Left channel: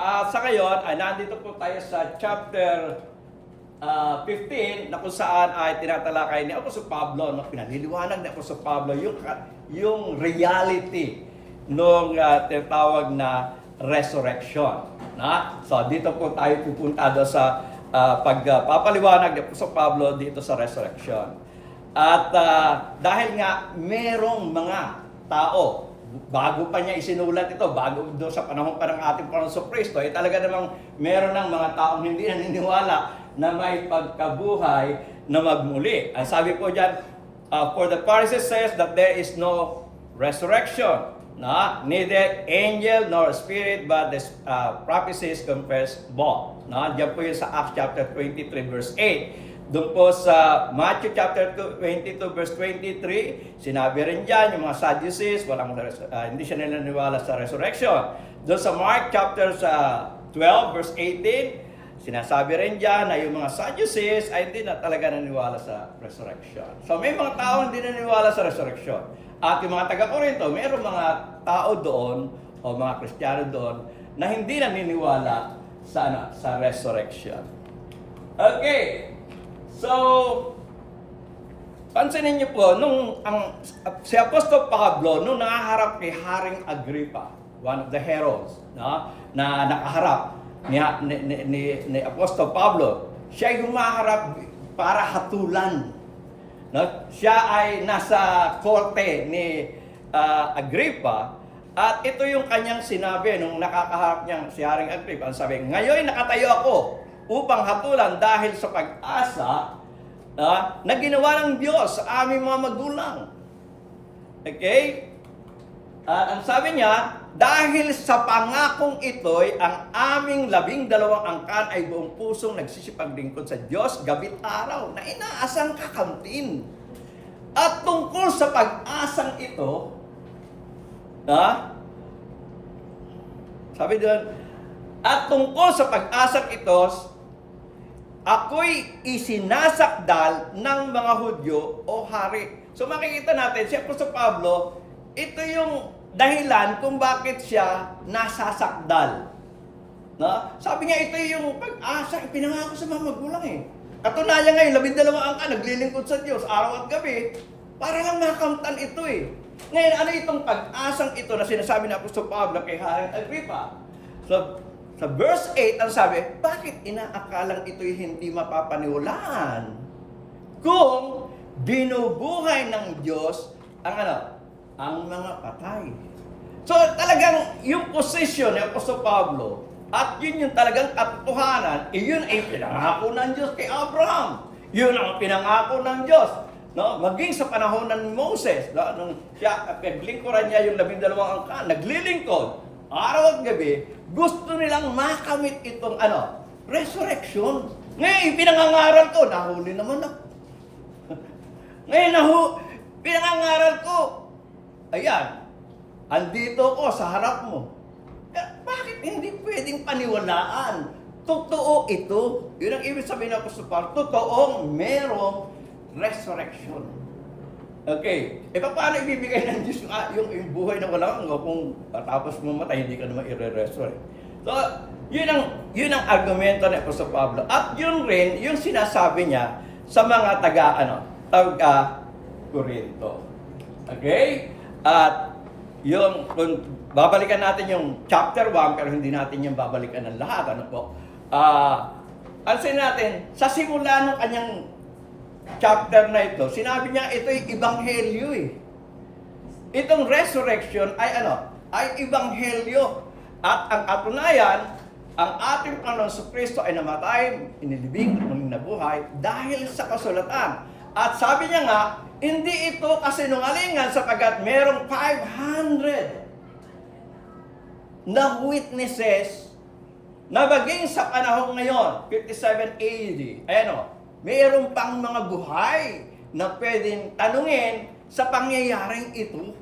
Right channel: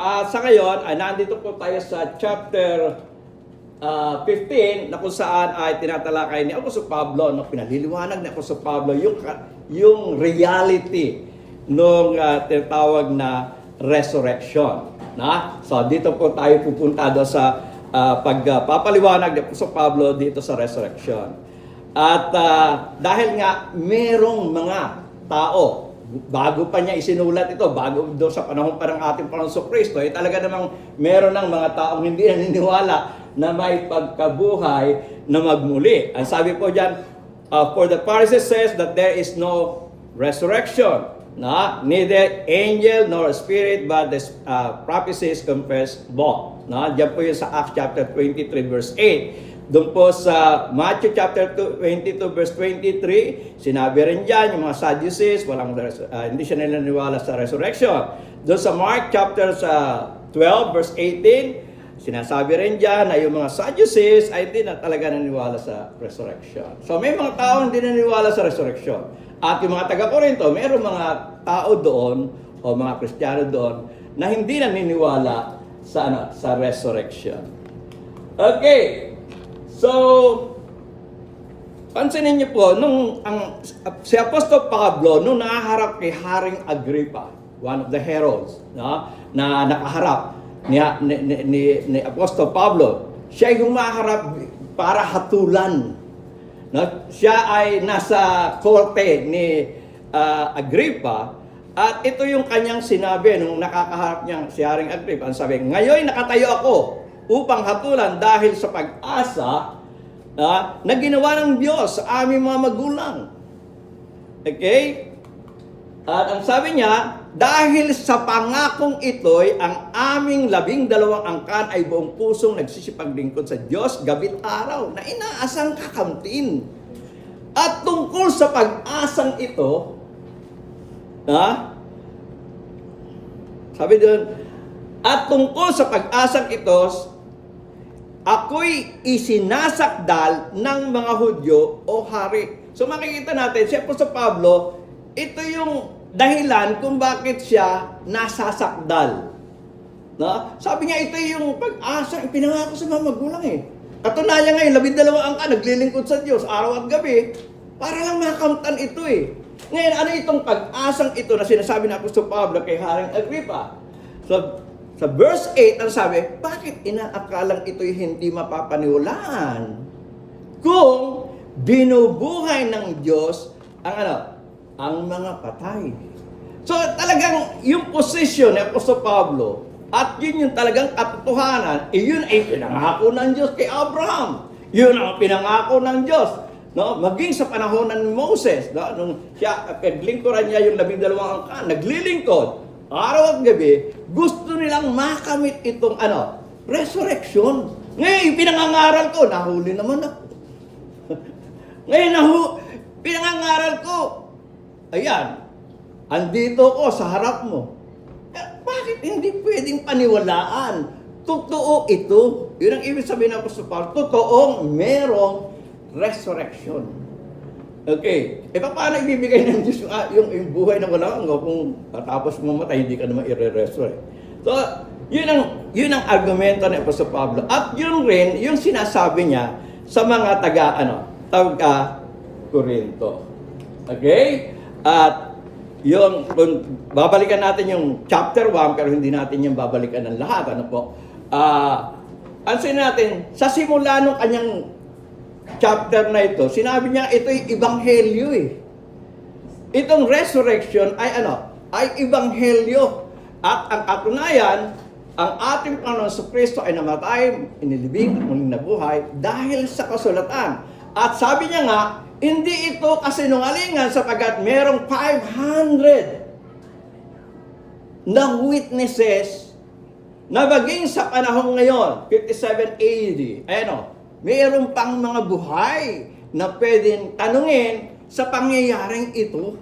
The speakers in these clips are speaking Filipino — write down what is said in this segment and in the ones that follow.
Sa ngayon, nandito po tayo sa chapter 15 na kung saan ay tinatalakay ni Apostol Pablo, no, pinaliliwanag ni Apostol Pablo yung reality nung tinatawag na resurrection. So dito po tayo pupunta do sa pagpapaliwanag ni Apostol Pablo dito sa resurrection. At dahil nga merong mga tao, bago pa niya isinulat ito, bago doon sa panahon pa ng ating Panginoon Kristo, talaga namang meron ng mga taong hindi naniniwala na may pagkabuhay na magmuli. Ang sabi po diyan, for the Pharisees says that there is no resurrection, neither angel nor spirit, but the prophecies confess both. Diyan po yun sa Acts chapter 23 verse 8. Doon po sa Matthew chapter 22 verse 23, sinabi rin dyan, yung mga Sadducees, hindi siya naniniwala sa resurrection. Doon sa Mark chapter 12 verse 18, sinasabi rin dyan na yung mga Sadducees ay hindi na talaga naniniwala sa resurrection. So may mga tao hindi naniniwala sa resurrection. At yung mga taga-Korinto, mayroong mga tao doon, o mga Kristiyano doon, na hindi naniniwala sa resurrection. Okay. So, pansinin niyo po, si Apostol Pablo, nung nakaharap kay Haring Agrippa, one of the heralds, na nakaharap ni Apostol Pablo, siya yung maharap para hatulan. Siya ay nasa korte ni Agrippa, at ito yung kanyang sinabi nung nakakaharap niya si Haring Agrippa. Ang sabi, ngayon nakatayo ako upang hatulan dahil sa pag-asa na ginawa ng Diyos sa aming mga magulang. Okay? At ang sabi niya, dahil sa pangakong ito'y ang aming 12 angkan ay buong pusong nagsisipaglingkod sa Diyos gabi't araw na inaasang kakamtin. At tungkol sa pag-asang ito, sabi doon, at tungkol sa pag-asang ito, ako'y isinasakdal ng mga Hudyo o hari. So makikita natin, si Apostol Pablo, ito yung dahilan kung bakit siya nasasakdal. Sabi niya, ito yung pag-asa, ipinangako sa mga magulang eh. Katunayan ngayon, 12 angka, naglilingkod sa Diyos, araw at gabi, para lang makamtan ito eh. Ngayon, ano itong pag-asang ito na sinasabi ng Apostol Pablo kay Haring Agrippa? So, sa verse 8, ang sabi, bakit inaakalang ito'y hindi mapapaniwalaan? Kung binubuhay ng Diyos ang mga patay. So talagang yung position ni Apostol Pablo, at yun yung talagang katotohanan, yun ay pinangako ng Diyos kay Abraham. Yun ang pinangako ng Diyos. Maging sa panahon ng Moses, nung siya, paglingkuran niya yung 12 angkan, naglilingkod, araw at gabi, gusto nilang makamit itong resurrection. Ngayon, pinangangaral ko, nahuli naman ako. Ngayon, pinangangaral ko, ayan, andito ko sa harap mo. Bakit hindi pwedeng paniwalaan? Totoo ito. Yun ang ibig sabihin ng Apostol Pablo, totoong merong resurrection. Okay. Paano ibibigay ng Diyos yung buhay na wala kung tapos mamatay, hindi ka naman i-resurrect? So, yun ang argumento ni Apostol Pablo. At yun rin, yung sinasabi niya sa mga taga-Korinto. Okay? At yung, kung babalikan natin yung chapter 1, pero hindi natin yung babalikan ng lahat. Ansin natin, sa simula ng kanyang chapter na ito, sinabi niya ito'y ebanghelyo eh. Itong resurrection ay ay ebanghelyo. At ang katunayan, ang ating Panginoon Kristo ay namatay, inilibing, muling nabuhay dahil sa kasulatan. At sabi niya nga, hindi ito kasinungalingan sapagkat merong 500 na witnesses na maging sa panahon ngayon, 57 AD. Mayroon pang mga buhay na pwedeng tanungin sa pangyayaring ito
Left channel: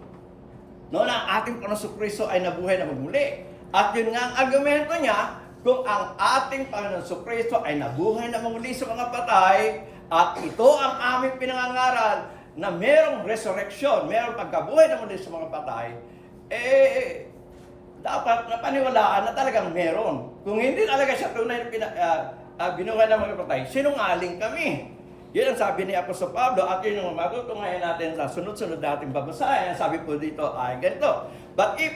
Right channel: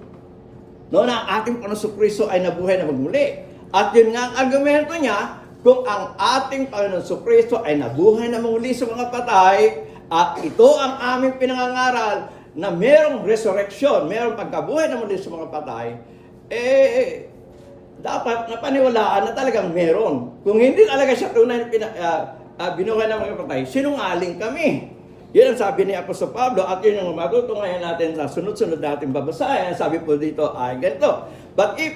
na ating Panginoon Kristo ay nabuhay na magmuli. At yun nga ang argumento niya, kung ang ating Panginoon Kristo ay nabuhay na magmuli sa mga patay, at ito ang aming pinangangaral na merong resurrection, merong pagkabuhay na muli sa mga patay, dapat napaniwalaan na talagang meron. Kung hindi talaga siya tunay na binuhay ng mga patay, sinungaling kami. Yan ang sabi ni Apostol Pablo at yun yung matutungayan natin sa sunod-sunod natin babasahin. Sabi po dito ay ganito. But if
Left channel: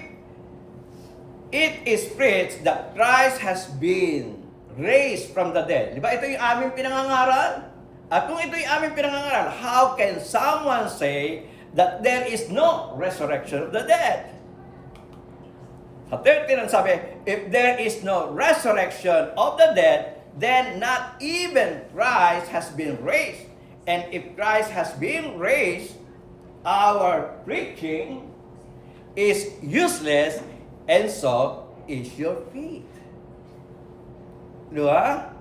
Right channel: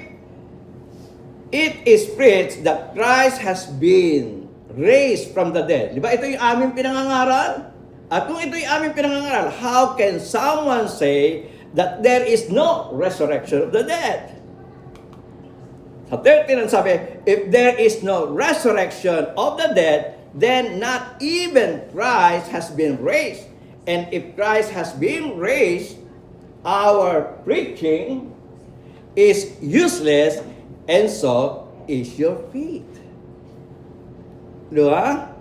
it is preached that Christ has been raised from the dead. Di ba? Ito yung aming pinangangaral. At kung ito yung aming pinangangaral, how can someone say that there is no resurrection of the dead? Sa 13 ang sabi, if there is no resurrection of the dead, then not even Christ has been raised. And if Christ has been raised, our preaching is useless, and so is your faith. Diba?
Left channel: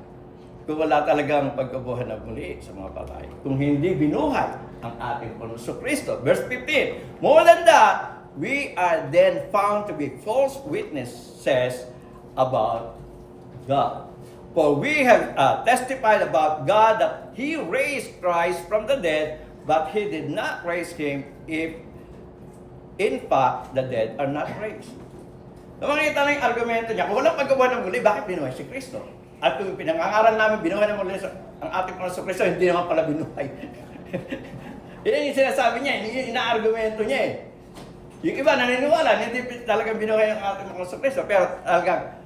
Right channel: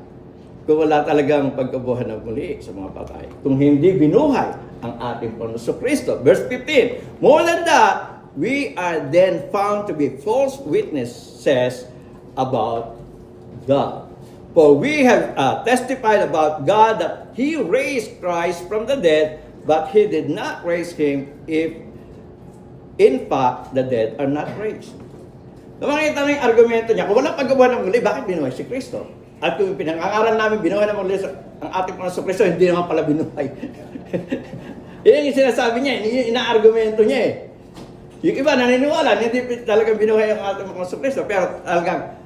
Kung wala talagang pagkabuhay ng muli sa mga patay. Kung hindi binuhay ang ating Panginoon Kristo. Verse 15, more than that, we are then found to be false witnesses about God. For we have testified about God that He raised Christ from the dead, but He did not raise Him if in fact the dead are not raised. Kung makikita mo yung argumento niya, kung walang pagkabuhay ng muli, bakit binuhay si Kristo? At kung pinangangaral namin, binuhay ng muli ang ating Panginoon Kristo, hindi naman pala binuhay. Yan yung sinasabi niya, yung ina-argumento niya eh. Yung iba naniniwala, hindi talagang binuhay ang ating Panginoon Kristo, pero talagang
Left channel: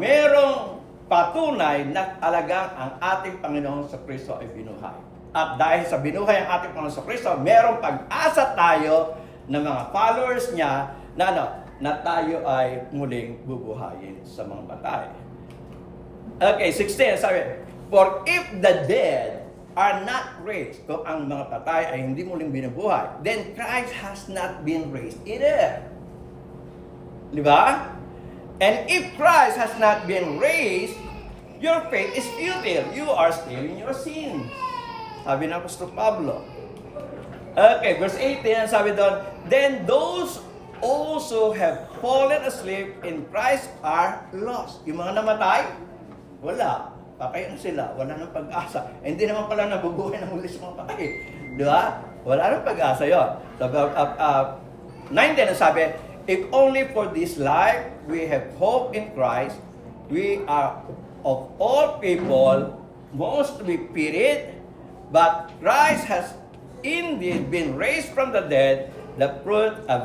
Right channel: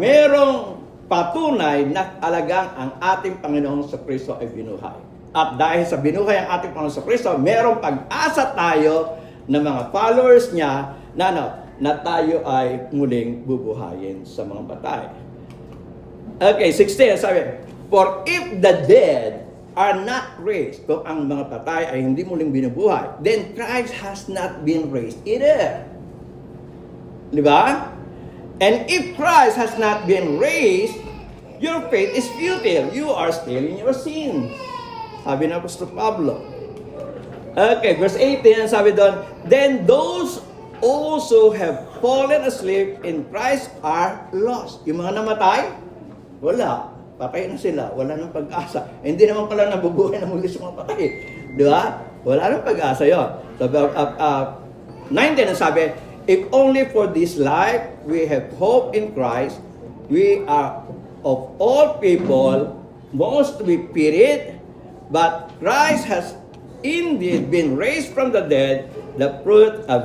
merong patunay na talagang ang ating Panginoon sa Kristo ay binuhay. At dahil sa binuhay ang ating Panginoon sa Kristo, merong pag-asa tayo ng mga followers niya na tayo ay muling bubuhayin sa mga patay. Okay, 16, sabi, for if the dead are not raised, kung ang mga patay ay hindi muling binubuhay, then Christ has not been raised either. Di ba? And if Christ has not been raised, your faith is futile. You are still in your sins. Sabi ng Apostol Pablo. Okay, verse 18, sabi doon, then those also have fallen asleep in Christ are lost. Yung mga namatay, wala. Patay na sila. Wala nang pag-asa. Hindi naman pala nabubuhay na muli sa mga patay. Di ba? Wala nang pag-asa yun. So, 19 ang sabi, if only for this life we have hope in Christ, we are of all people most to be pitied, but Christ has indeed been raised from the dead, the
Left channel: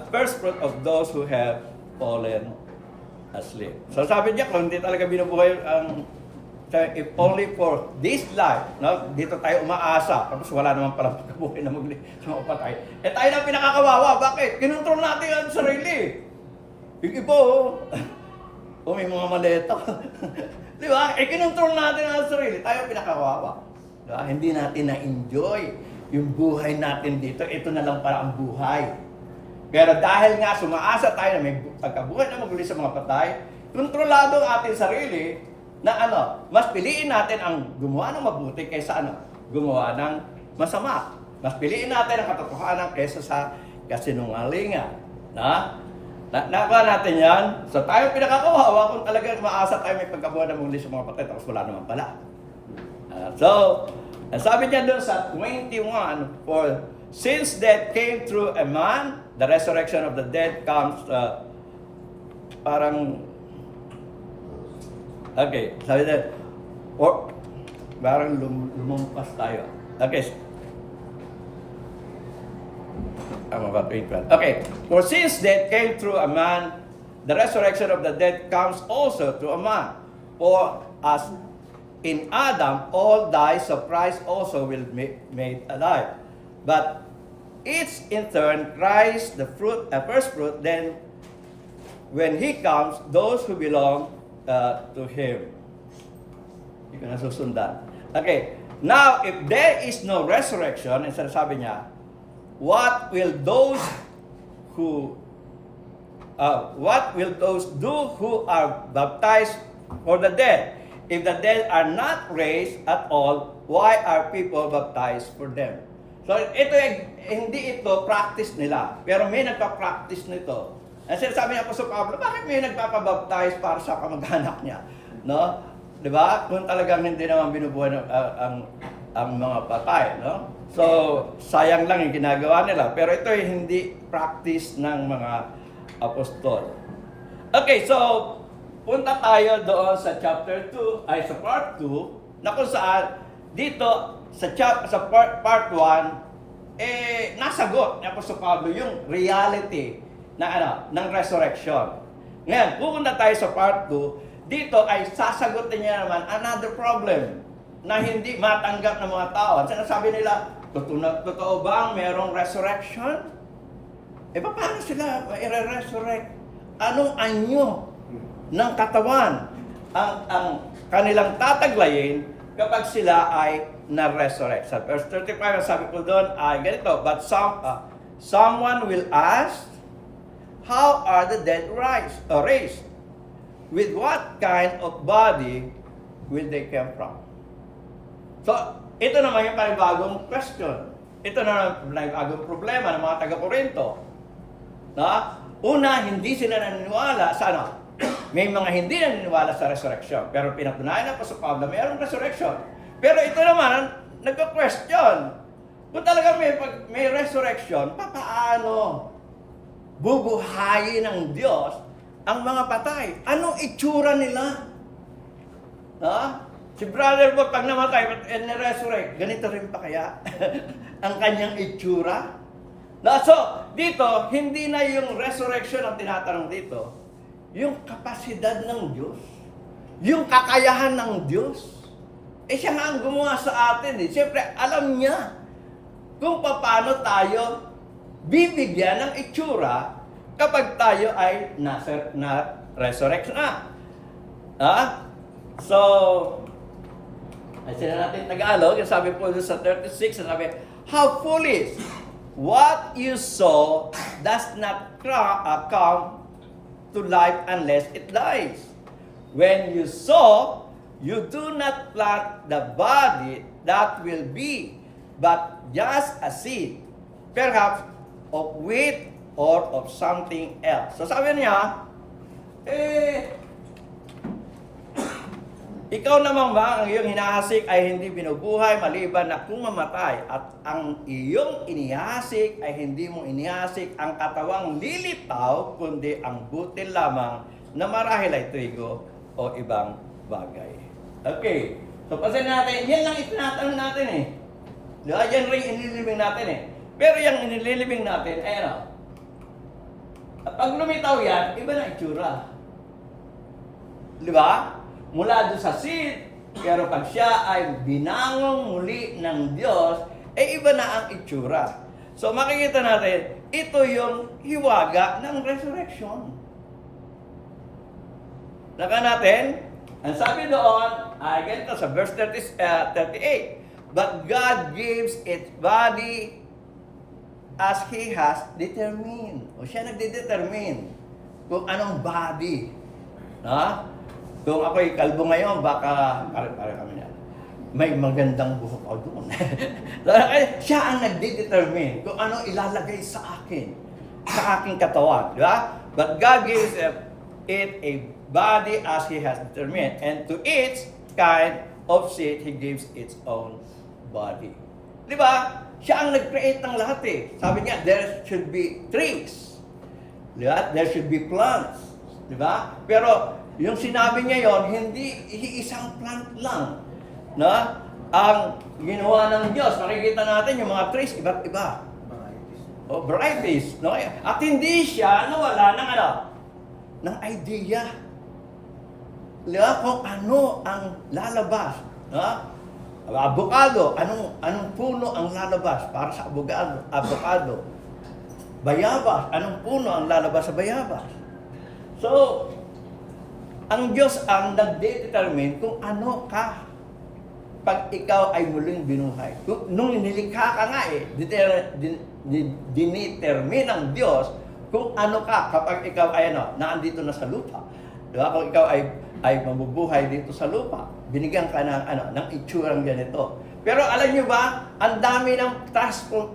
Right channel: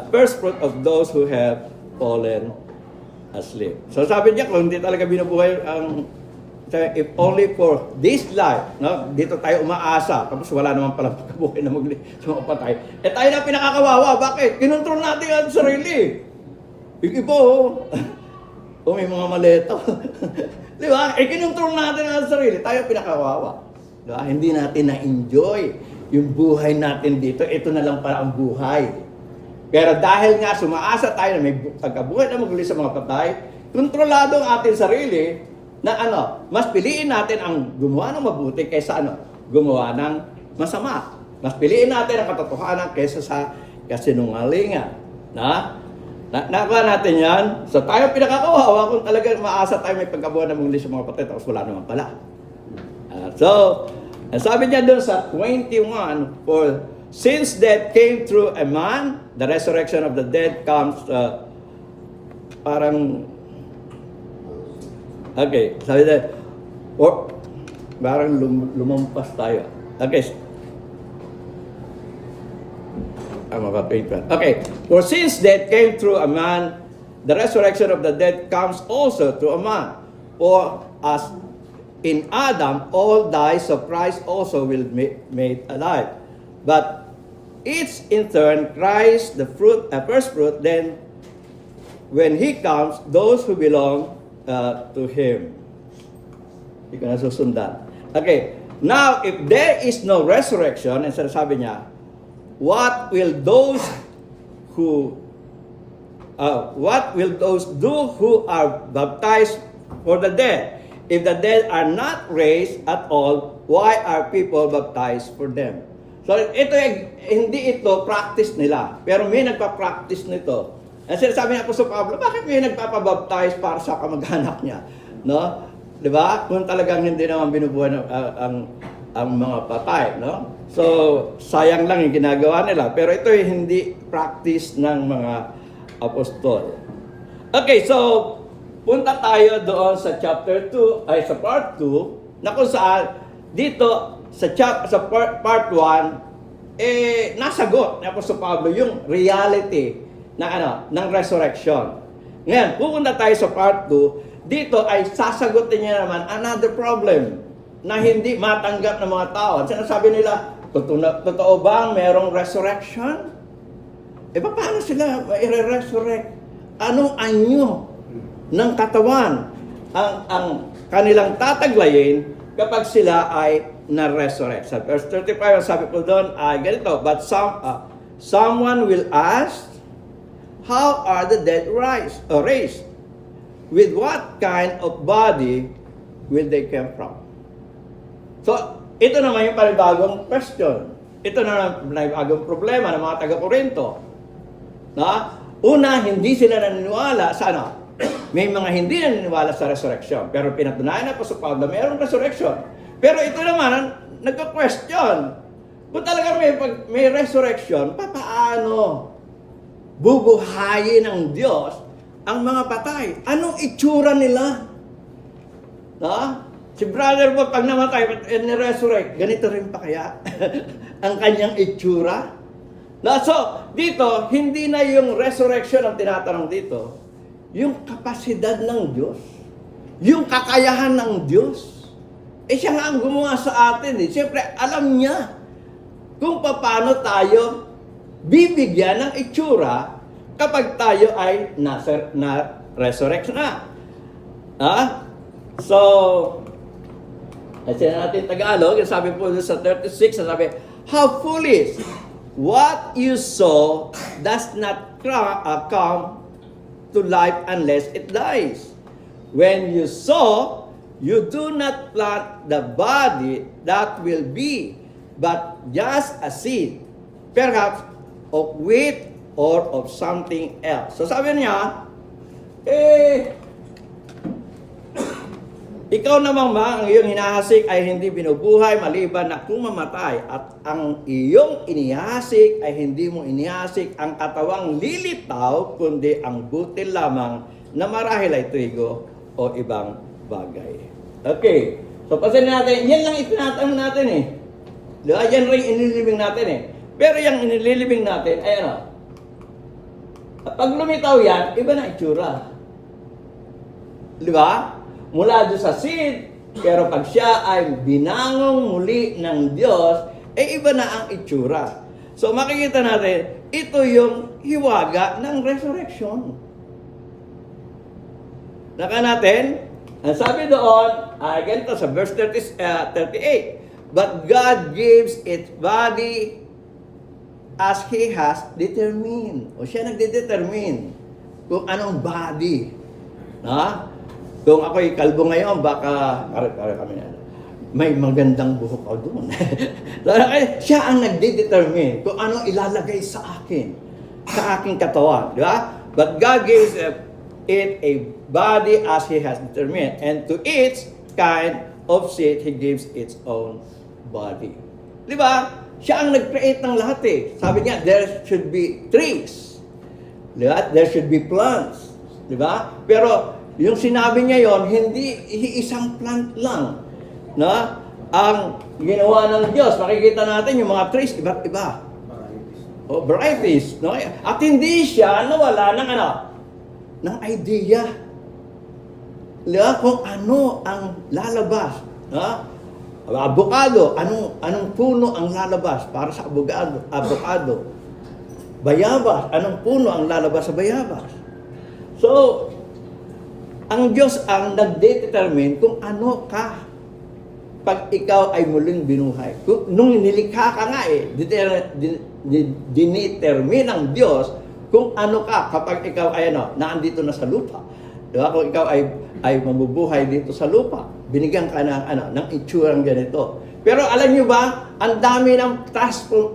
first fruit of those who have fallen asleep. So sabi niya, kung hindi talaga binubuhay ang if only for this life, no? Dito tayo umaasa, tapos wala naman palang pagkabuhay na magli sa mga patay. Eh tayo na pinakakawawa, bakit? Kinontrol natin ang sarili. Yung iba, may mga maleto. Di ba? Eh kinontrol natin ang sarili, tayo pinakakawawa. Diba? Hindi natin na-enjoy yung buhay natin dito. Ito na lang para ang buhay. Pero dahil nga sumaasa tayo na may pagkabuhay na magli sa mga patay, kontrolado ang ating sarili, na mas piliin natin ang gumawa ng mabuti kaysa gumawa ng masama. Mas piliin natin ang katotohanan kaysa sa kasinungalingan. Nakuha natin yan. So tayo pinakakawawa kung talagang maasa tayo may pagkabuhay na muli sa mga patay, tapos wala naman pala. So, sabi niya doon sa 21, for since death came through a man, the resurrection of the dead comes, okay, sabi niya, parang lumampas tayo. Okay. Okay, for since death came through a man, the resurrection of the dead comes also through a man. For as in Adam all die, so Christ also will be made alive. But each in turn, Christ the first fruit, then when He comes, those who belong to Him. Hindi ko na susundan. Okay, now if there is no resurrection, and sabi niya, what will those do who are baptized for the dead? If the dead are not raised at all, why are people baptized for them? So hindi ito practice nila, pero may nagpa-practice nito. Ang sinasabi ng Apostol Pablo, bakit may nagpapabaptize para sa kamag-anak niya? No? 'Di ba? Kung talagang hindi naman binubuhay ang mga patay, no? So, sayang lang yung ginagawa nila. Pero ito ay hindi practice ng mga apostol. Okay, so punta tayo doon sa chapter 2, ay sa part 2, na kung saan dito sa part 1, nasagot ni Apostol Pablo yung reality ng resurrection. Ngayon, pupunta tayo sa part 2, dito ay sasagutin niya naman another problem na hindi matanggap ng mga tao. Sinasabi nila, totoo bang merong resurrection? Paano sila i-resurrect? Anong anyo ng katawan ang kanilang tataglayin kapag sila ay na-resurrect? Sa verse 35, sabi ko doon, ganito, but someone will ask, how are the dead raised? With what kind of body will they come from? So, ito naman yung panibagong question. Ito na yung panibagong problema ng mga taga-Korinto. Una, hindi sila naniniwala sa may mga hindi naniniwala sa resurrection. Pero pinatunayan na po sa Pablo, mayroong resurrection. Pero ito naman, nagka-question. Kung talaga may resurrection, paano bubuhayin ng Diyos ang mga patay? Anong itsura nila? Si brother mo, pag namatay, ni-resurrect, ganito rin pa kaya ang kanyang itsura? So, dito, hindi na yung resurrection ang tinatanong dito. Yung kapasidad ng Diyos. Yung kakayahan ng Diyos. Siya nga ang gumawa sa atin. Siyempre, alam niya kung paano tayo bibigyan ng itsura kapag tayo ay na-resurrect na. So, kasi natin Tagalog, sabi po sa 36, sabi, how foolish! What you sow does not come to life unless it dies. When you sow, you do not plant the body that will be, but just a seed, perhaps of wheat or of something else. So sabi niya, ikaw naman ba, ang iyong hinahasik ay hindi binubuhay maliban na kung mamatay, at ang iyong inihasik ay hindi mo inihasik ang katawang lilitaw, kundi ang butil lamang na marahil ay trigo o ibang bagay. Okay, so pasin natin, yan lang itinatanong natin Diba? Yan rin inililibing natin Pero yung inililibing natin ay at pag lumitaw yan, iba na itsura. Diba? Mula doon sa seed, pero pag siya ay binangong muli ng Diyos, iba na ang itsura. So makikita natin, ito yung hiwaga ng resurrection. Naka natin, ang sabi doon, ganito sa verse 38, but God gives its body as He has determined. O siya nagdedetermine kung anong body. Kung ako'y kalbo ngayon, baka, pare kami na, may magandang buhok ako doon. Siya ang nagde-determine kung anong ilalagay sa aking katawan. Di ba? But God gives it a body as He has determined, and to each kind of seed, He gives its own body. Di ba? Siya ang nag-create ng lahat Sabi niya, there should be trees. Di ba? There should be plants. Di ba? Pero, yung sinabi niya yon, hindi isang plant lang ang ginawa ng Diyos. Makikita natin yung mga trees, iba't iba. Varieties. At hindi siya nawala ng idea. Kung ano ang lalabas. Avocado, anong puno ang lalabas para sa avocado. Bayabas, anong puno ang lalabas sa bayabas. So, ang Diyos ang nagdetermine kung ano ka pag ikaw ay muling binuhay. Nung nilikha ka nga dinetermine ng Diyos kung ano ka kapag ikaw ay naandito na sa lupa. Diba? Kung ikaw ay mabubuhay dito sa lupa, binigyan ka ng itsurang ganito. Pero alam niyo ba, ang dami ng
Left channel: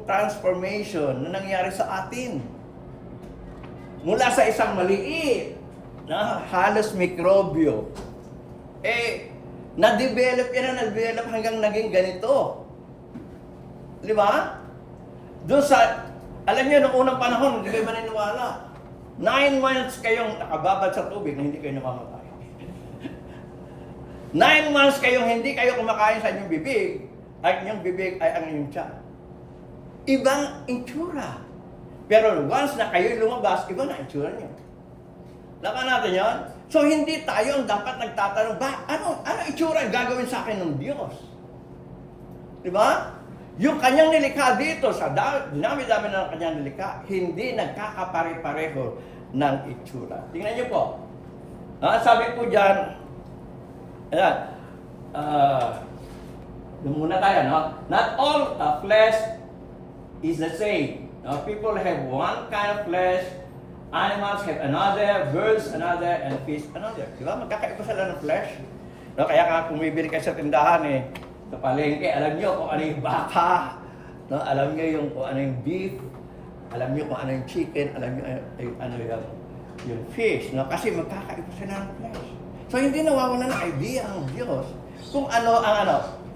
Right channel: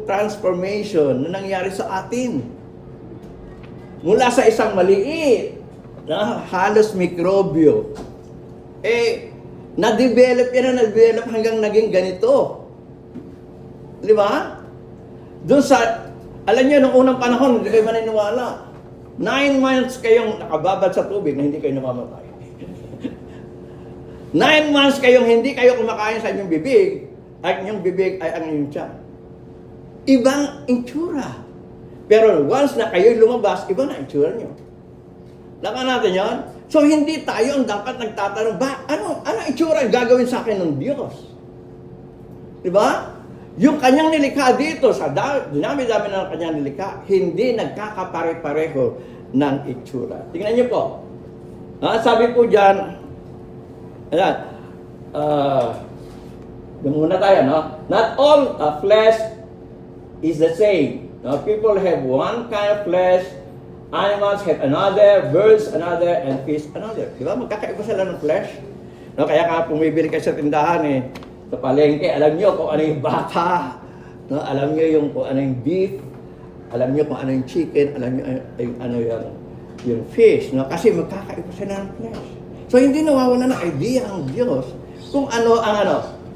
transformation na nangyari sa atin. Mula sa isang maliit, halos mikrobyo, na-develop hanggang naging ganito. Di ba? Doon sa, alam niyo, nung unang panahon, hindi kayo maniniwala. 9 months kayong nakababad sa tubig na hindi kayo namamatay. 9 months kayong hindi kayo kumakain sa inyong bibig, at inyong bibig ay ang inyong tiyan. Ibang itsura. Pero once na kayo lumabas, iba na itsura nyo. Laka natin yon. So hindi tayo ang dapat nagtatanong, ano itsura ang gagawin sa akin ng Diyos? Diba? Yung kanyang nilikha dito, sa dinami-dami ng kanyang nilikha, hindi nagkakapare-pareho ng itsura. Tingnan niyo po. Sabi po dyan, muna tayo, no? Not all flesh is the same. No? People have one kind of flesh, animals have another, birds another, and fish another. Diba? Magkakaiba sila ng flesh. No? Kaya nga pumibili kayo sa tindahan sa palengke, alam niyo kung ano yung baka, no? Alam niyo kung ano yung beef, alam niyo kung ano yung chicken, alam niyo ano yung fish, no? Kasi magkakaiba sila ng flesh. So hindi nawawala ng idea ang Diyos kung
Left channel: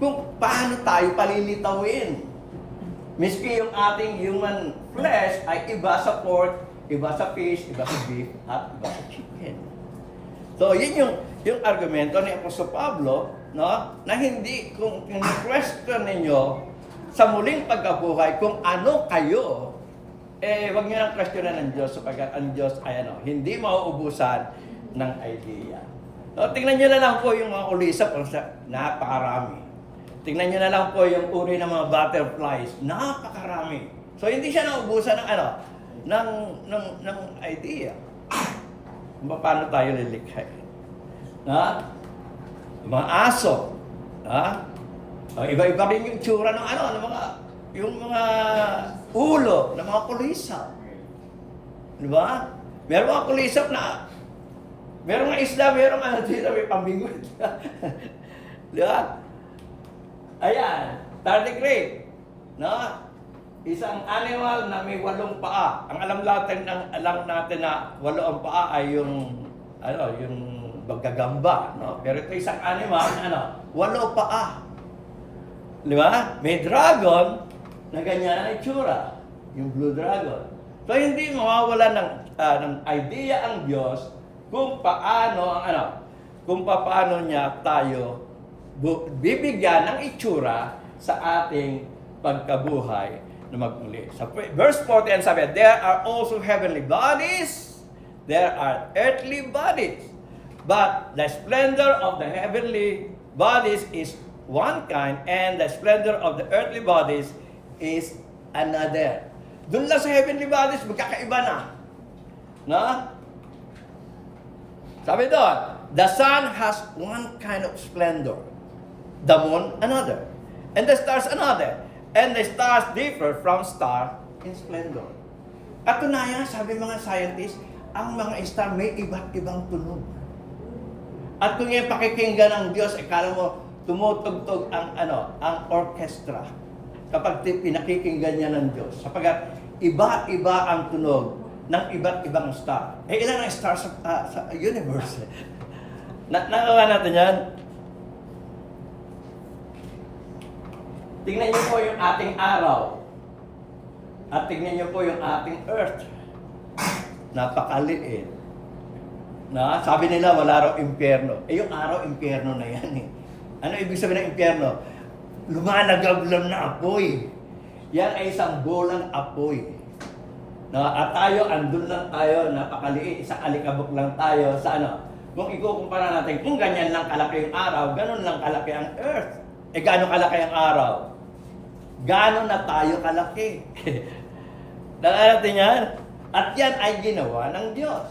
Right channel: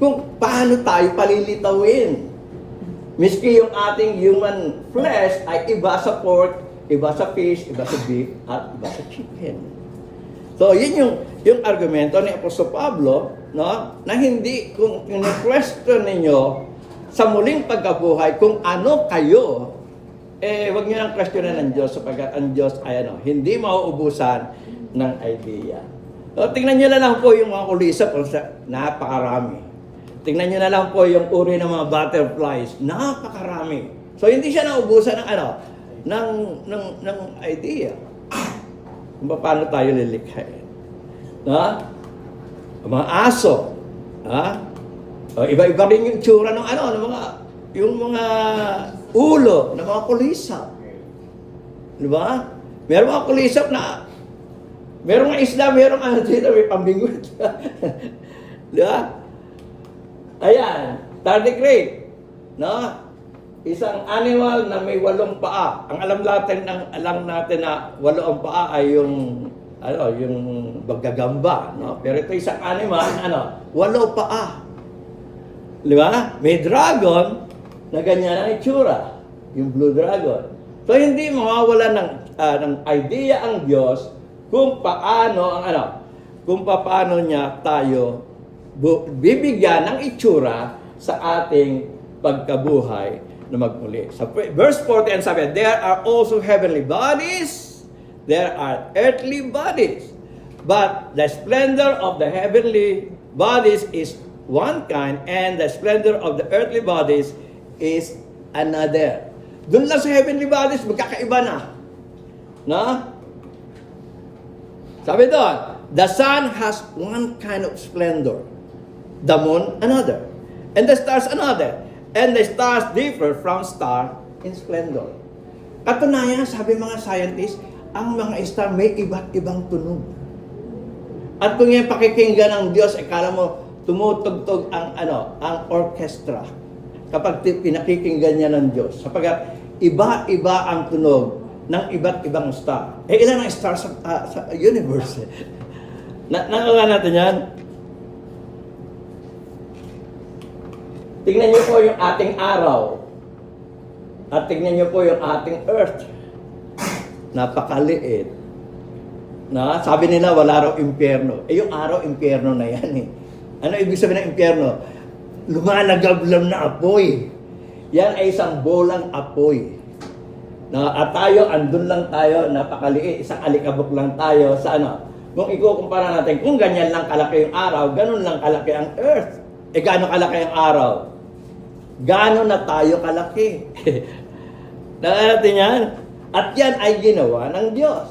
kung paano tayo palilitawin. Miski yung ating human flesh ay iba sa pork, iba sa fish, iba sa beef, at iba sa chicken. So yun yung argumento ni Apostol Pablo, no? Na hindi, kung question ninyo sa muling pagkabuhay kung ano kayo, wag niyo nang questionan ng Diyos sapagkat ang Diyos ay hindi mauubusan ng idea. So, tingnan nyo na lang po yung mga kulisap, napakarami. Tingnan nyo na lang po yung uri ng mga butterflies, napakarami. So, hindi siya naubusan ng idea. Kung paano tayo lilikha. Mga aso, iba-iba rin yung tsura ng yung mga ulo ng mga kulisap. Diba? Meron mga kulisap na merong isla, merong dito, may pambingwit. Diba? Ayan, tardigrade. No? Isang animal na may 8 paa. Ang alam natin na 8 ang paa ay yung baggagamba, no? Pero ito isang animal, 8 paa. Diba? May dragon na ganyan ang itsura. Yung blue dragon. So hindi mawawala ng idea ang Diyos kung paano niya tayo bibigyan ng itsura sa ating pagkabuhay na magmuli. Sa verse 40 sabi, there are also heavenly bodies, there are earthly bodies, but the splendor of the heavenly bodies is one kind, and the splendor of the earthly bodies is another. Doon lang sa heavenly bodies, magkakaiba na. No? Sabi doon, the sun has one kind of splendor, the moon another, and the stars another, and the stars differ from star in splendor. At tunaya, sabi mga scientists, ang mga star may iba't ibang tunog. At kung yung pakikinggan ng Diyos, akala mo tumutugtog ang orchestra kapag pinakikinggan niya ng Diyos. Sapagkat iba-iba ang tunog ng iba't ibang star. Ilan ang star sa universe? Nakawa natin yan. Tingnan niyo po yung ating araw. At tingnan niyo po yung ating earth. Napakaliit. Sabi nila wala raw impyerno. Yung araw, impyerno na yan . Ano ibig sabihin ng impyerno? Lumalagablam na apoy. Yan ay isang bolang apoy. At tayo, andun lang tayo, napakaliit, isang alikabok lang tayo sa Kung ikukumpara natin, kung ganyan lang kalaki yung araw, ganun lang kalaki ang earth. Gaano kalaki ang araw? Gaano na tayo kalaki? Dahil natin yan. At yan ay ginawa ng Diyos.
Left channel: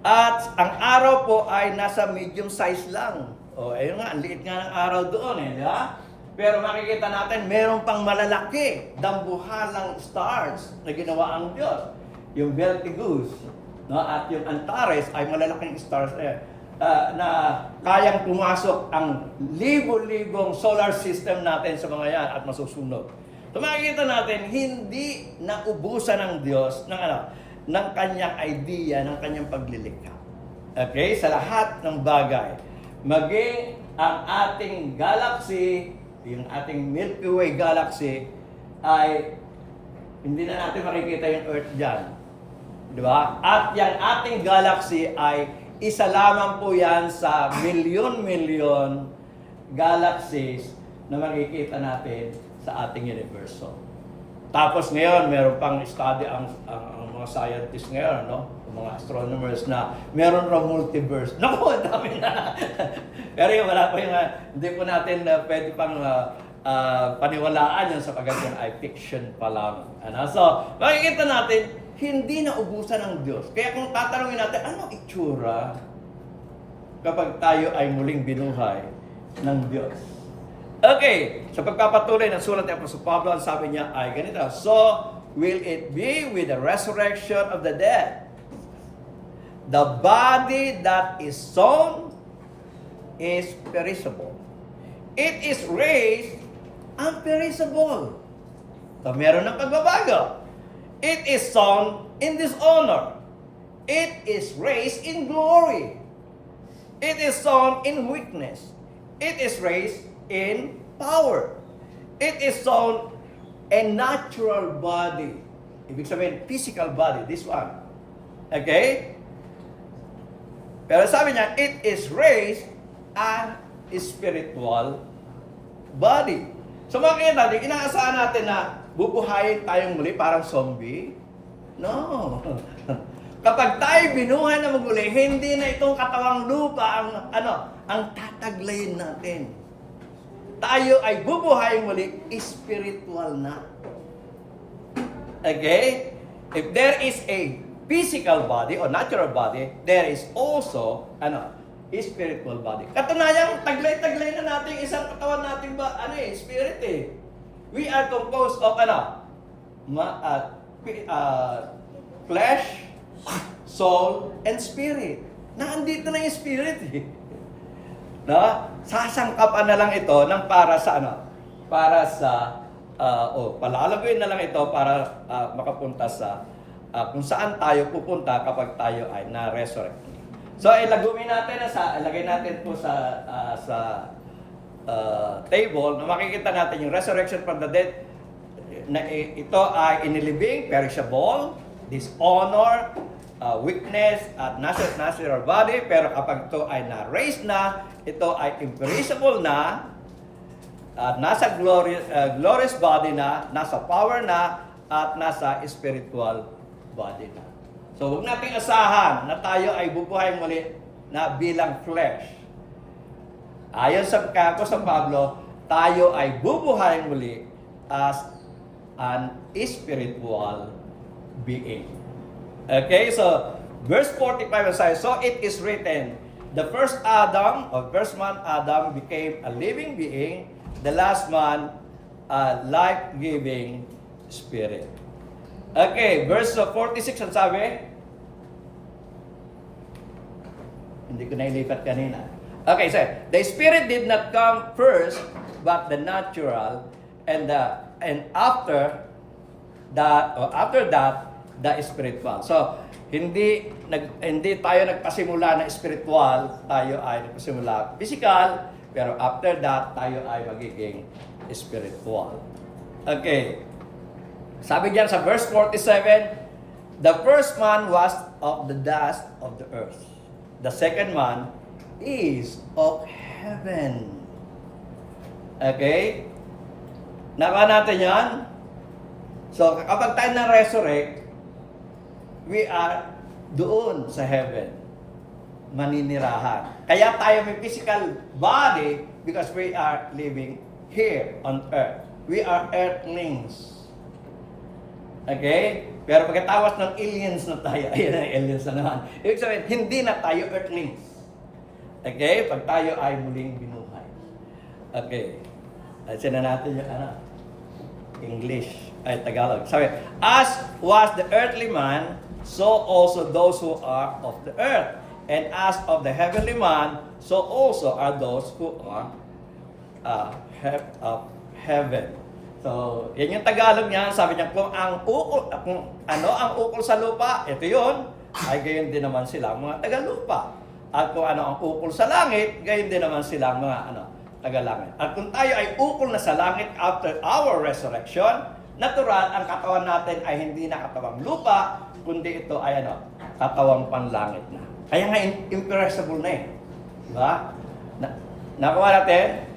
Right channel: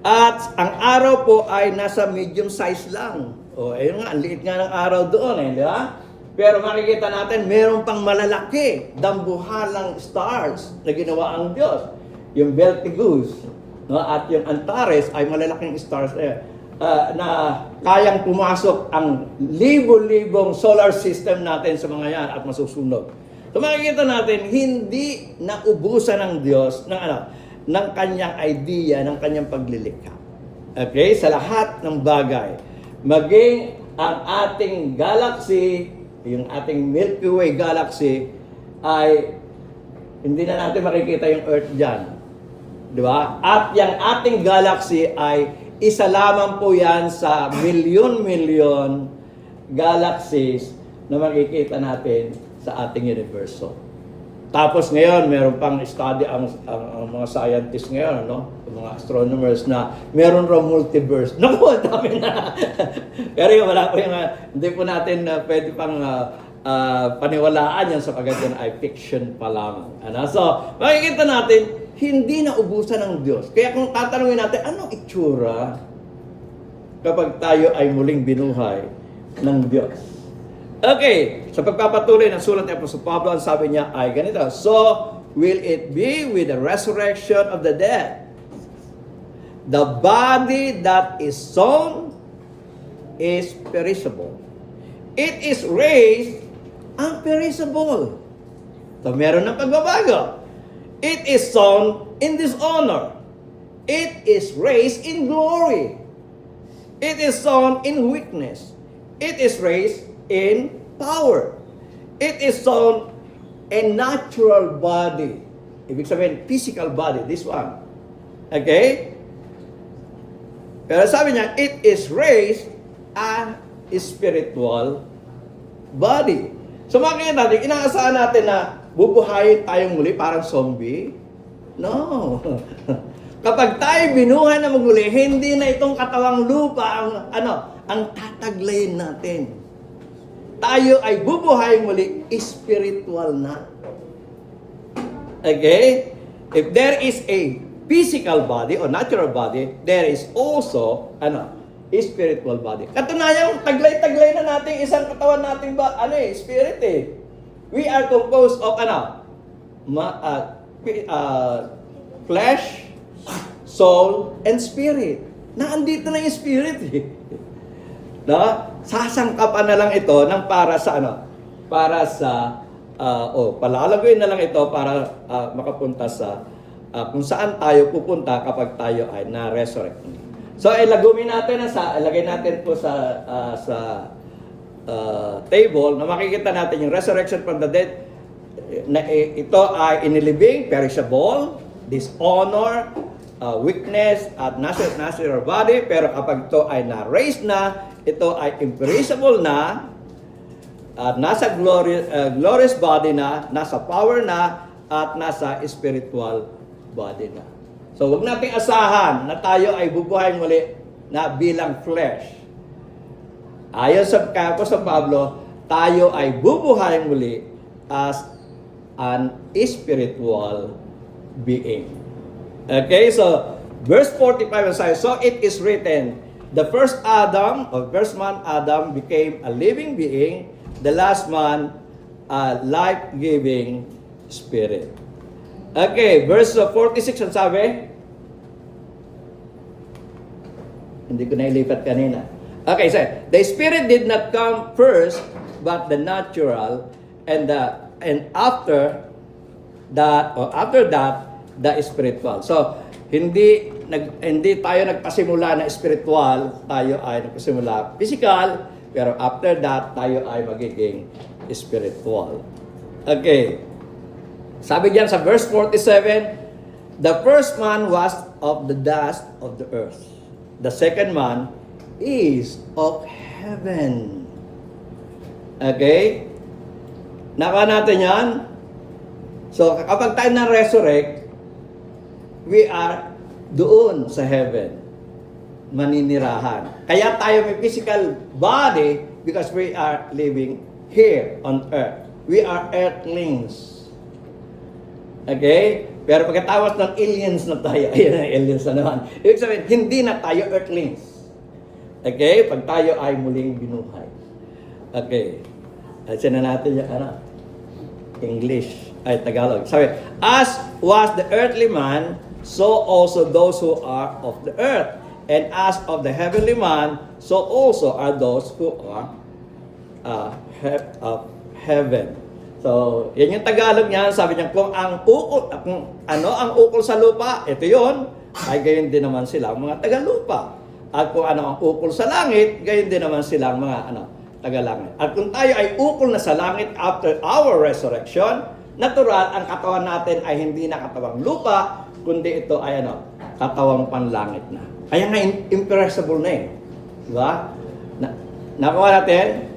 At ang araw po ay nasa medium size lang. Ayun nga, ang liit nga ng araw doon di ba? Pero makikita natin, meron pang malalaki, dambuhalang stars na ginawa ang Diyos. Yung Betelgeuse, at yung Antares ay malalaking stars na kayang pumasok ang libo-libong solar system natin sa mga yan at masusunod. So makikita natin, hindi naubusan ng Diyos ng kanyang idea, ng kanyang paglilikha. Okay? Sa lahat ng bagay. Maging ang ating galaxy, yung ating Milky Way galaxy, ay hindi na natin makikita yung Earth dyan. Di ba? At yung ating galaxy ay isa lamang po yan sa milyon-milyon galaxies na makikita natin sa ating universo. Tapos ngayon, meron pang study ang mga scientists ngayon, no? Mga astronomers na meron raw multiverse. Naku, dami na. Pero yung wala po yung, hindi po natin pwede pang paniwalaan yan sapagkat yan ay fiction pa lang. Ano? So, makikita natin, hindi na ubusan ng Diyos. Kaya kung tatanungin natin, anong itsura kapag tayo ay muling binuhay ng Diyos? Okay, sa pagpapatuloy ng sulat ni Apostol Pablo, ang sabi niya ay ganito, so will it be with the resurrection of the dead? The body that is sown is perishable. It is raised unperishable. So meron ng pagbabago. It is sown in dishonor. It is raised in glory. It is sown in weakness. It is raised in power. It is sown a natural body. Ibig sabihin, physical body. This one. Okay? Pero sabi niya, it is raised a spiritual body. So makikita natin, inaasahan natin na bubuhayin tayong muli parang zombie? No. Kapag tayo binuhay na magmuli, hindi na itong katawang lupa ang tataglayin natin. Tayo ay bubuhayin muli, spiritual na. Okay? If there is a physical body or natural body, there is also spiritual body. Katunayan, taglay-taglay na natin isang katawan nating spirit eh. We are composed of flesh, soul, and spirit. Naandito na yung spirit eh. No? Sasangkapan na lang ito ng para sa palalagay na lang ito para makapunta sa kung saan tayo pupunta kapag tayo ay na-resurrect. So ilagay natin po sa table na makikita natin yung resurrection from the dead na ito ay inilibing, perishable, dishonor, weakness at natural body, pero kapag ito ay na-raise na, ito ay imperishable na, at nasa glorious body na, nasa power na, at nasa spiritual body na. So, huwag nating asahan na tayo ay bubuhayin muli na bilang flesh. Ayon sa Pablo, tayo ay bubuhayin muli as an spiritual being. Okay, so verse 45 says, so it is written, the first Adam, or first man Adam, became a living being, the last man a life-giving spirit. Okay, verse 46 ang sabi. Hindi ko na ilipat kanina. Okay, so the spirit did not come first, but the natural, and after that, the spiritual. So, hindi tayo nagpasimula na spiritual, tayo ay nagpasimula physical, pero after that, tayo ay magiging spiritual. Okay. Sabi diyan sa verse 47, the first man was of the dust of the earth. The second man is of heaven. Okay? Naka natin yan? So, kapag tayo na-resurrect, we are doon sa heaven. Maninirahan. Kaya tayo may physical body because we are living here on earth. We are earthlings. Okay? Pero pagkatapos ng aliens na tayo, aliens na naman. Ibig sabihin, hindi na tayo earthlings. Okay? Pag tayo ay muling binuhay. Okay. Asin na natin yung English, Tagalog. Sabi, as was the earthly man, so also those who are of the earth. And as of the heavenly man, so also are those who are of heaven. So, yan yung Tagalog niya. Sabi niya, kung ang ukol sa lupa, ito yon, ay gayon din naman sila, mga taga-lupa. At kung ano ang ukol sa langit, gayon din naman sila, mga taga-langit. At kung tayo ay ukol na sa langit after our resurrection, natural, ang katawan natin ay hindi na katawang lupa, kundi ito ay katawang panlangit na. Kaya nga imperishable na eh. Diba? Nakuha natin,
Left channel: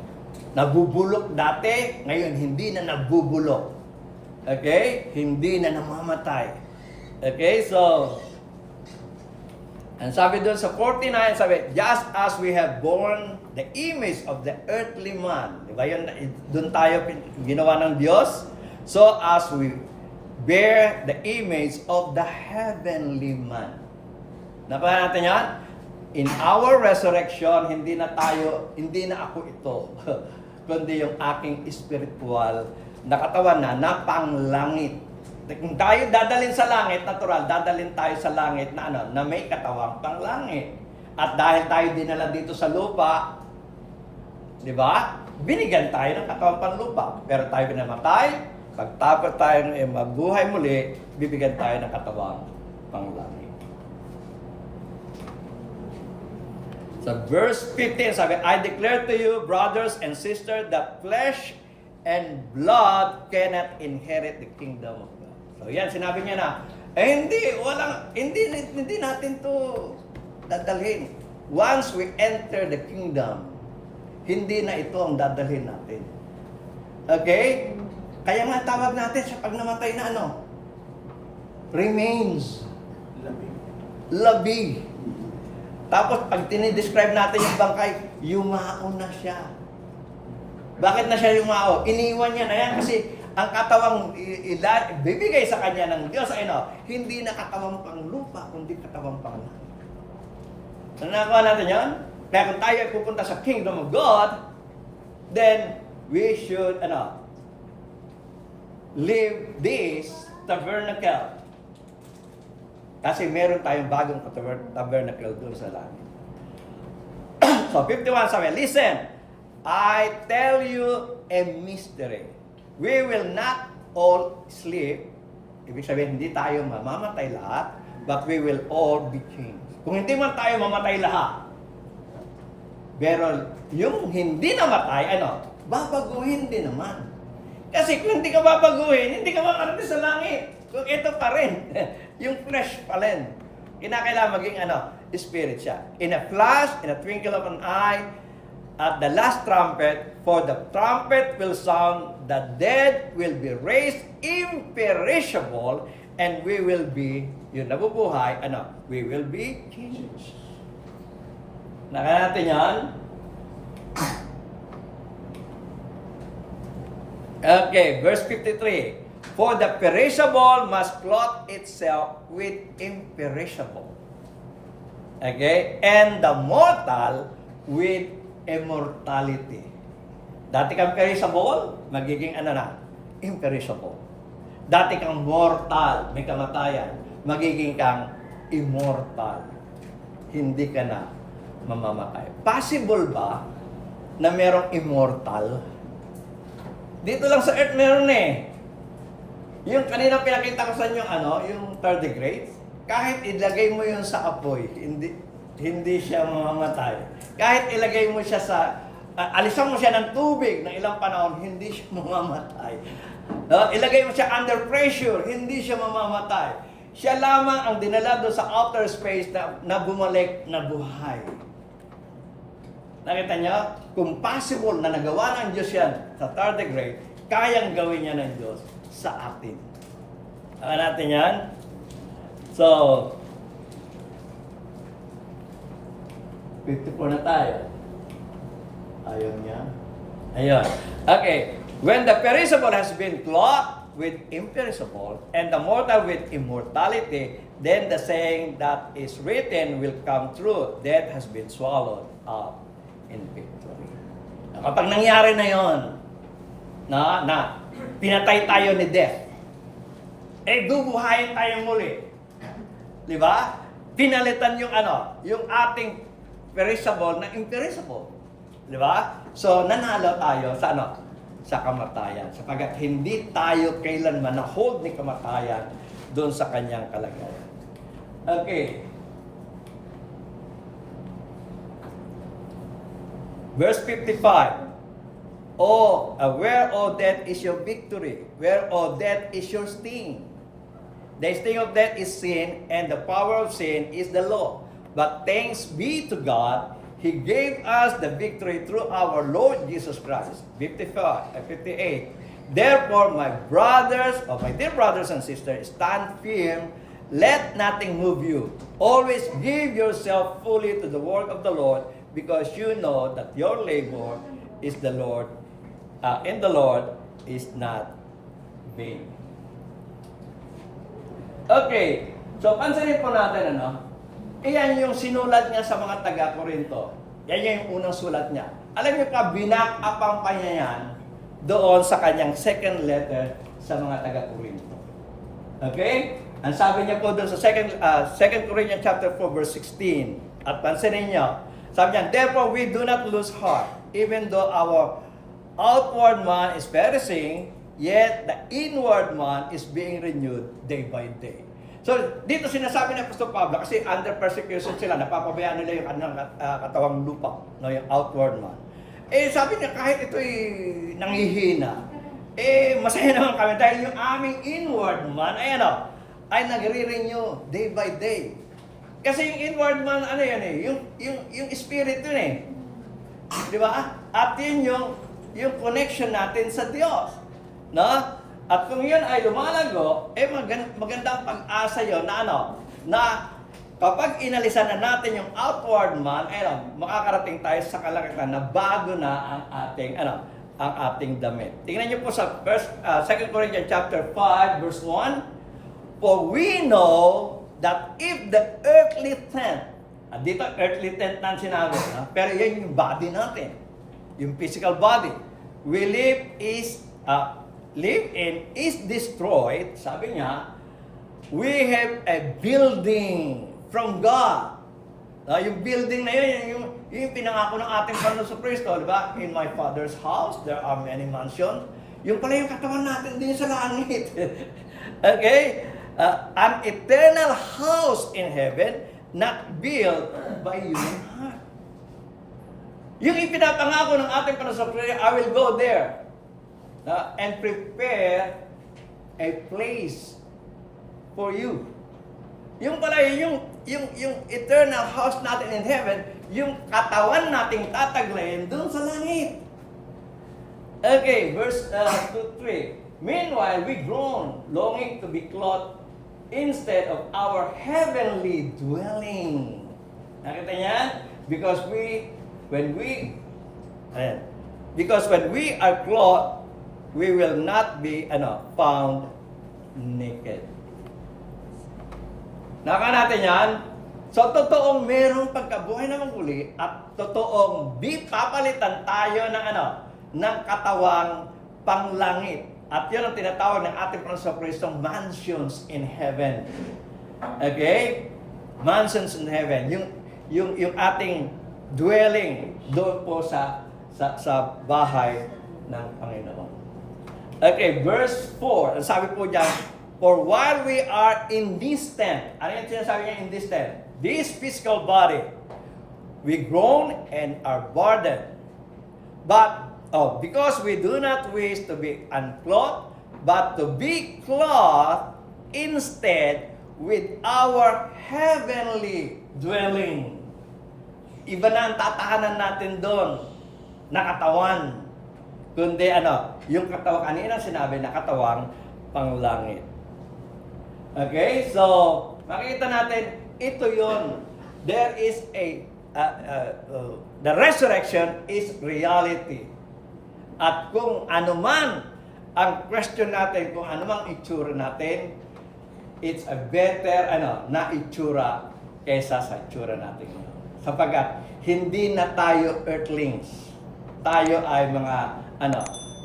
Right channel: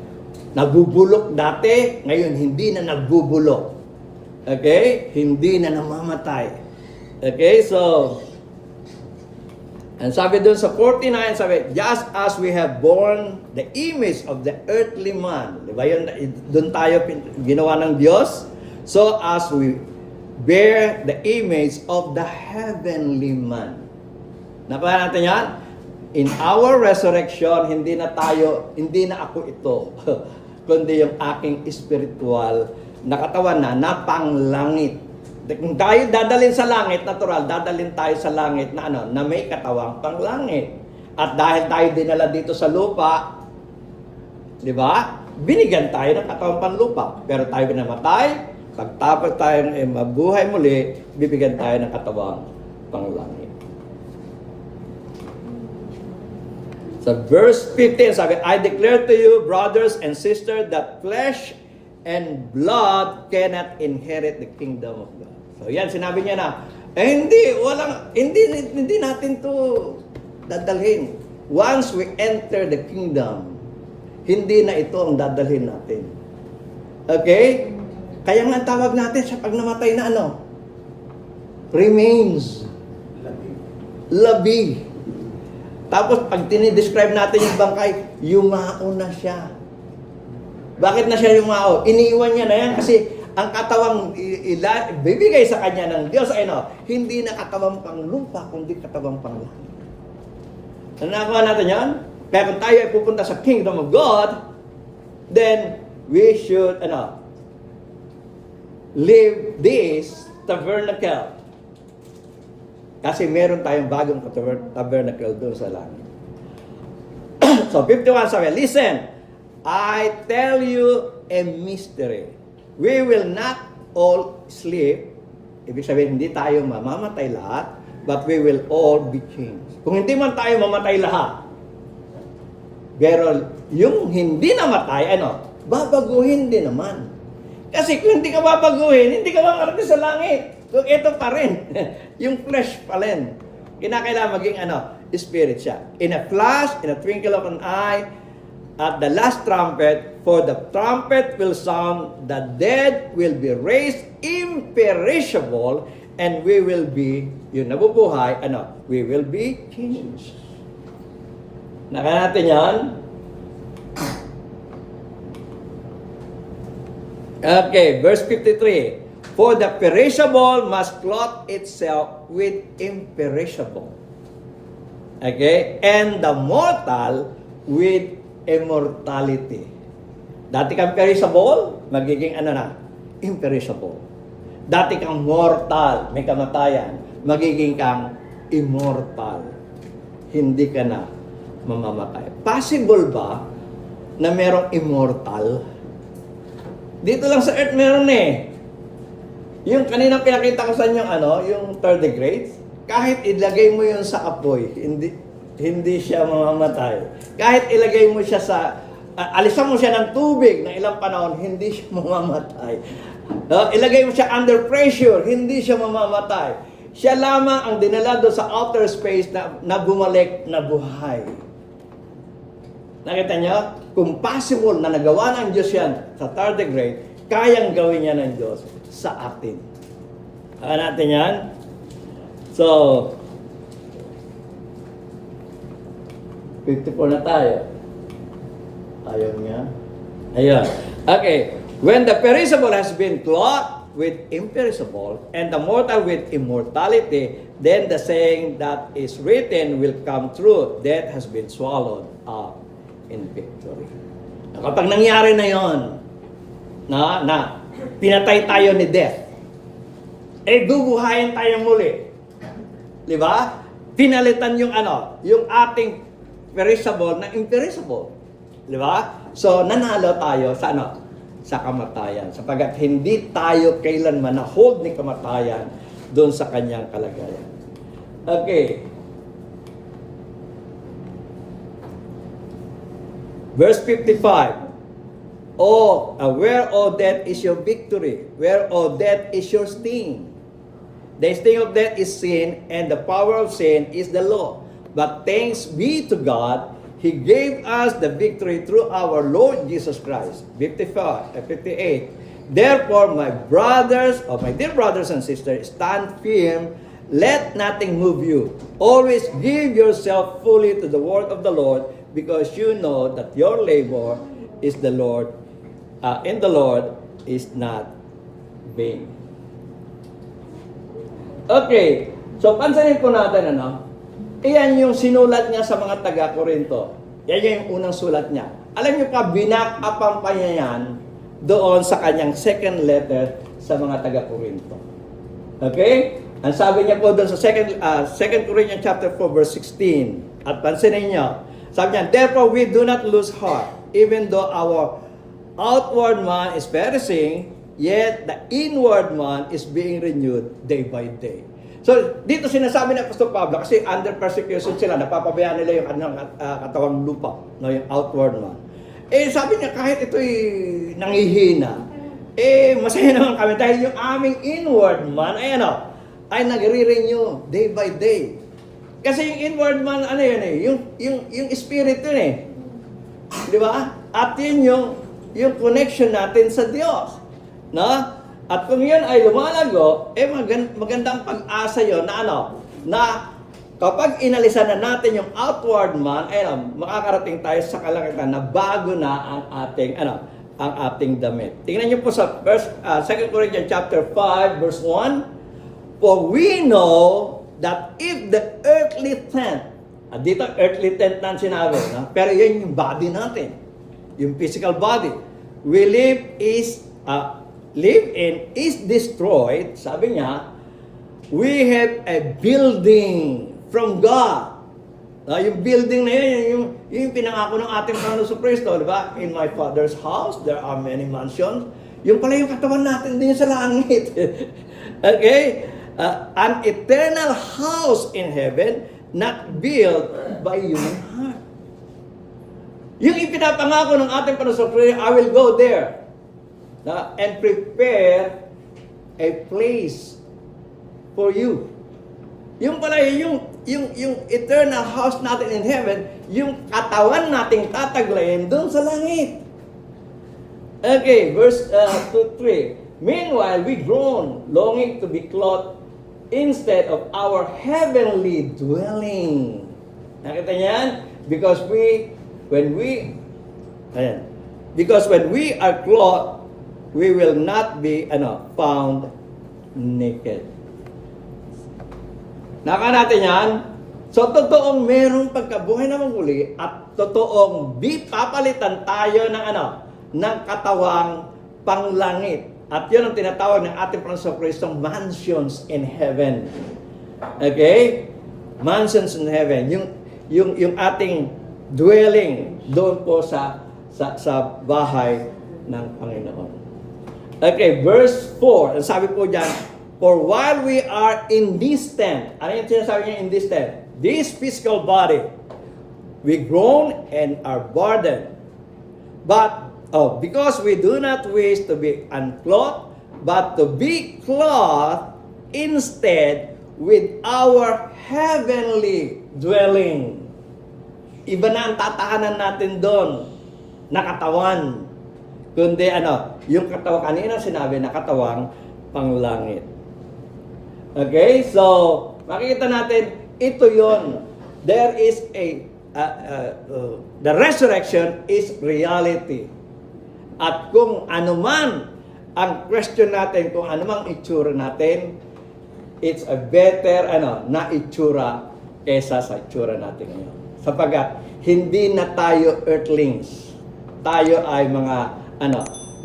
nabubulok dati, ngayon hindi na nagbubulok. Okay? Hindi na namamatay. Okay? So, and sabi doon sa 49, sabi, just as we have borne the image of the earthly man. Diba yun? Doon tayo ginawa ng Diyos. So as we bear the image of the heavenly man. Nakuha natin yan? In our resurrection, hindi na ako ito, kundi yung aking spiritual na katawan na panglangit. Kung tayo dadalhin sa langit, natural, dadalhin tayo sa langit na na may katawang panglangit. At dahil tayo dinala dito sa lupa, di ba? Binigyan tayo ng katawang panlupa. Pero tayo namatay, pagtapos tayo mabuhay muli, bibigyan tayo ng katawang panglangit. Sa verse 15, sabi, I declare to you, brothers and sisters, that flesh and blood cannot inherit the kingdom of God. So yan, sinabi niya na, hindi natin to dadalhin. Once we enter the kingdom, hindi na ito ang dadalhin natin. Okay? Kaya nga tawag natin sa pag namatay na remains. Labi. Tapos pag tinidescribe natin yung bangkay, yumao na siya. Bakit na siya yumao? Iniiwan niya na yan kasi ang katawang bibigay sa kanya ng Diyos ay hindi na katawang panglupa, kundi katawang panglangit. Nakuha natin yan? Kaya kung tayo ay pupunta sa kingdom of God, then we should live this tabernacle. Kasi meron tayong bagong tabernacle doon sa langit. So 51 sabi, listen, I tell you a mystery. We will not all sleep. Ibig sabihin, hindi tayo mamamatay lahat, but we will all be changed. Kung hindi man tayo mamatay lahat, pero yung hindi namatay, babaguhin din naman. Kasi kung hindi ka babaguhin, hindi ka makarating sa langit. Kung ito pa rin, yung flesh pa rin. Kinakailangan maging spirit siya. In a flash, in a twinkle of an eye, at the last trumpet, for the trumpet will sound, the dead will be raised imperishable, and we will be, yung nabubuhay, we will be changed. Nakaya natin yan? Okay, verse 53. For the perishable must clothe itself with imperishable. Okay? And the mortal with immortality. Dati kang perishable, magiging imperishable. Dati kang mortal, may kamatayan, magiging kang immortal. Hindi ka na mamamatay. Possible ba na merong immortal? Dito lang sa earth meron Yung kanina pinakita ko sa inyo yung tardigrades, kahit ilagay mo yun sa apoy, hindi siya mamamatay. Kahit ilagay mo siya alisan mo siya ng tubig ng ilang panahon, hindi siya mamamatay. Ilagay mo siya under pressure, hindi siya mamamatay. Siya lamang ang dinala doon sa outer space na bumalik na buhay. Nakita niyo? Kung possible na nagawa ng Diyos yan sa tardigrade, kayang gawin niya ng Diyos sa atin. Natin yan? So, 54 na tayo. Ayaw niya. Ayun. Okay. When the perishable has been clothed with imperishable, and the mortal with immortality, then the saying that is written will come true. Death has been swallowed up in victory. Kapag nangyari na yon, na pinatay tayo ni death, bubuhayin tayo muli. Di ba? Pinalitan yung yung ating perishable na imperishable. Di ba? So, nanalo tayo sa sa kamatayan. Sapagat hindi tayo kailanman na-hold ni kamatayan doon sa kanyang kalagayan. Okay. Verse 55. Where, O death, is your victory? Where, O death, is your sting? The sting of death is sin, and the power of sin is the law. But thanks be to God, He gave us the victory through our Lord Jesus Christ. 58. Therefore, my dear brothers and sisters, stand firm. Let nothing move you. Always give yourself fully to the word of the Lord, because you know that your labor is in the Lord is not vain. Okay, so pansinin po natin iyan yung sinulat niya sa mga taga-Korinto. Yan yung unang sulat niya. Alam niyo pa, binak-upang pa niya yan doon sa kanyang second letter sa mga taga-Korinto. Okay? Ang sabi niya po doon sa 2 Corinthians chapter 4 verse 16. At pansinin niyo, sabi niya, therefore we do not lose heart, even though our outward man is perishing, yet the inward man is being renewed day by day. So, dito sinasabi ni Apostol Pablo, kasi under persecution sila, napapabayaan nila yung kanilang katawang lupa, yung outward man. Sabi niya, kahit ito'y nangihina, masaya naman kami dahil yung aming inward man, ay nagre-renew day by day. Kasi yung inward man, yung spirit yun Di ba? At yun yung connection natin sa Diyos. No? At kung yan ay lumalago, magandang pag-asa yun na kapag inalisan na natin yung outward man, makakarating tayo sa kalangitan na bago na ang ating damit. Tingnan niyo po sa 2 Corinthians chapter 5 verse 1. For we know that if the earthly tent, dito earthly tent na sinabi, pero yan yung body natin, yung physical body, we live in is destroyed, sabi niya, we have a building from God. Yung building na yun, yung pinangako ng ating Panginoon sa Kristo, di ba? In my Father's house, there are many mansions. Yung pala yung katawan natin din sa langit. Okay? An eternal house in heaven, not built by human heart. Yung ipinapangako ng ating Panginoon sa Kristo, I will go there. And prepare a place for you. Yung pala, yung eternal house natin in heaven, yung katawan nating tataglayin doon sa langit. Okay, verse 2-3. Meanwhile, we groan, longing to be clothed instead of our heavenly dwelling. Nakita niyan? Because when we are clothed, we will not be found naked. Naka natin yan. So, totoong merong pagkabuhay na muli at totoong papalitan tayo ng katawang panglangit. At yun ang tinatawag ng ating Panginoon Kristong mansions in heaven. Okay? Mansions in heaven. Yung ating dwelling doon po sa bahay ng Panginoon. Okay, verse 4. Ang sabi po dyan, for while we are in this tent, ano yung sinasabi niya in this tent? This physical body, we groan and are burdened. But, because we do not wish to be unclothed, but to be clothed instead with our heavenly dwelling. Iba na ang tatahanan natin doon, nakatawan. Kundi yung katawang kanina sinabi na katawang panglangit. Okay? So, makikita natin, ito yon. There is the resurrection is reality. At kung anuman ang question natin, kung anumang itsura natin, it's a better na itsura kesa sa itsura natin ngayon. Sapagkat hindi na tayo earthlings. Tayo ay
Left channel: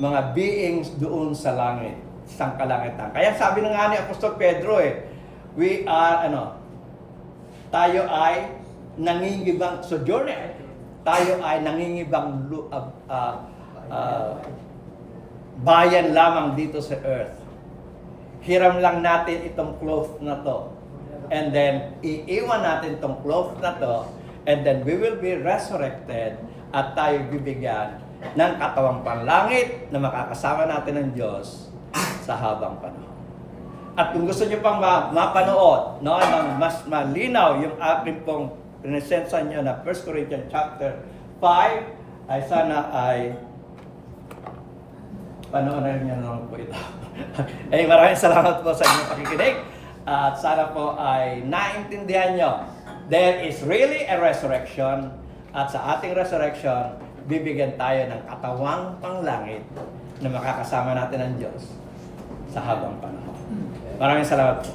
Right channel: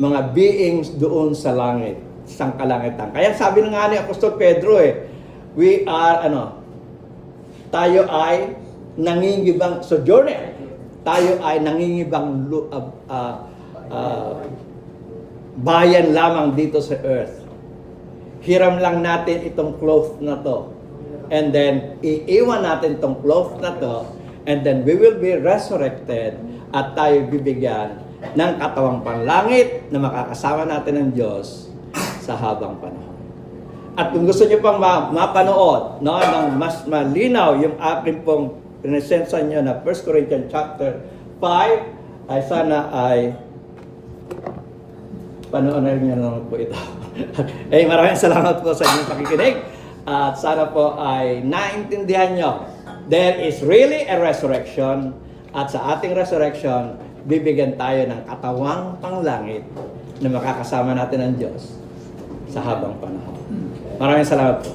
mga beings doon sa langit, sa kalangitan. Kaya sabi nga ni Apostol Pedro we are tayo ay nangingibang sojourner. Tayo ay nangingibang bayan lamang dito sa earth. Hiram lang natin itong cloth na to. And then iiwan natin itong cloth na to, and then we will be resurrected at tayo bibigyan ng katawang panlangit na makakasama natin ng Diyos sa habang panahon. At kung gusto niyo pang mapanood, no, ng mas malinaw yung akin pong pinesensya niyo na 1 Corinthians chapter 5, ay sana ay panoorin niyo naman po ito. Eh, maraming salamat po sa inyong pakikinig. At sana po ay naintindihan nyo. There is really a resurrection. At sa ating resurrection, bibigyan tayo ng katawang panglangit na makakasama natin ng Diyos sa habang panahon. Maraming salamat po.